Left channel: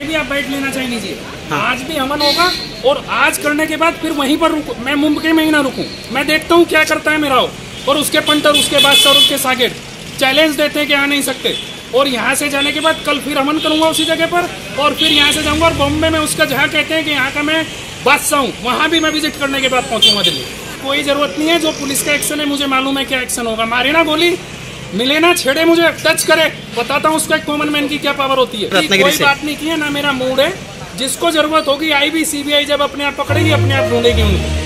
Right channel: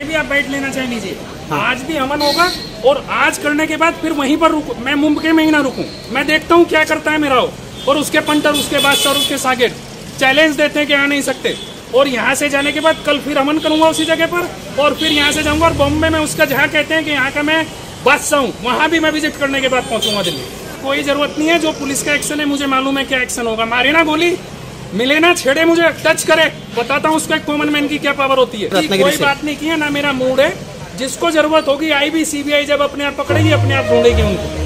भी आप बैठ लेना चाह लीजिए। हाँ। आज भी अमन होगा और आज करने के बाद फिर वहीं पर रुकू, मैं मुंबई में ही ना रुकूं। मैं देखता हूँ क्या करता है मेरा और उसके पंटर, उसके बादशाह, उसके सागिर चैलेंज देते हैं कि आ नहीं सकते। और यहाँ से जाने के बाद कल फिर अमन करूंगा उसी जगह पर, और फिर यहाँ से जाऊंगा और बॉम्बे में उसका जहाँ कहते हैं कि यहाँ का मैं बादशाह हूँ, वहां भी मैं विजिट करने के बाद पहुंचूंगा दिल्ली। कोई जरूरत नहीं है, जो पुलिस का एक्शन है मुझे मालूम है क्या एक्शन होगा। मारे ना गोली, मिले ना, छेड़े, मुझे टच करे, बताता हूँ उसका एक कॉमन मैन की क्या पावर होती है। कोई बात नहीं की है ना, मेरा मूड है। जिसको जरूरत होगी आईबी सीबीआई जब अपने आप पकड़ेगी, अपने आप ढूंढेगी उनको।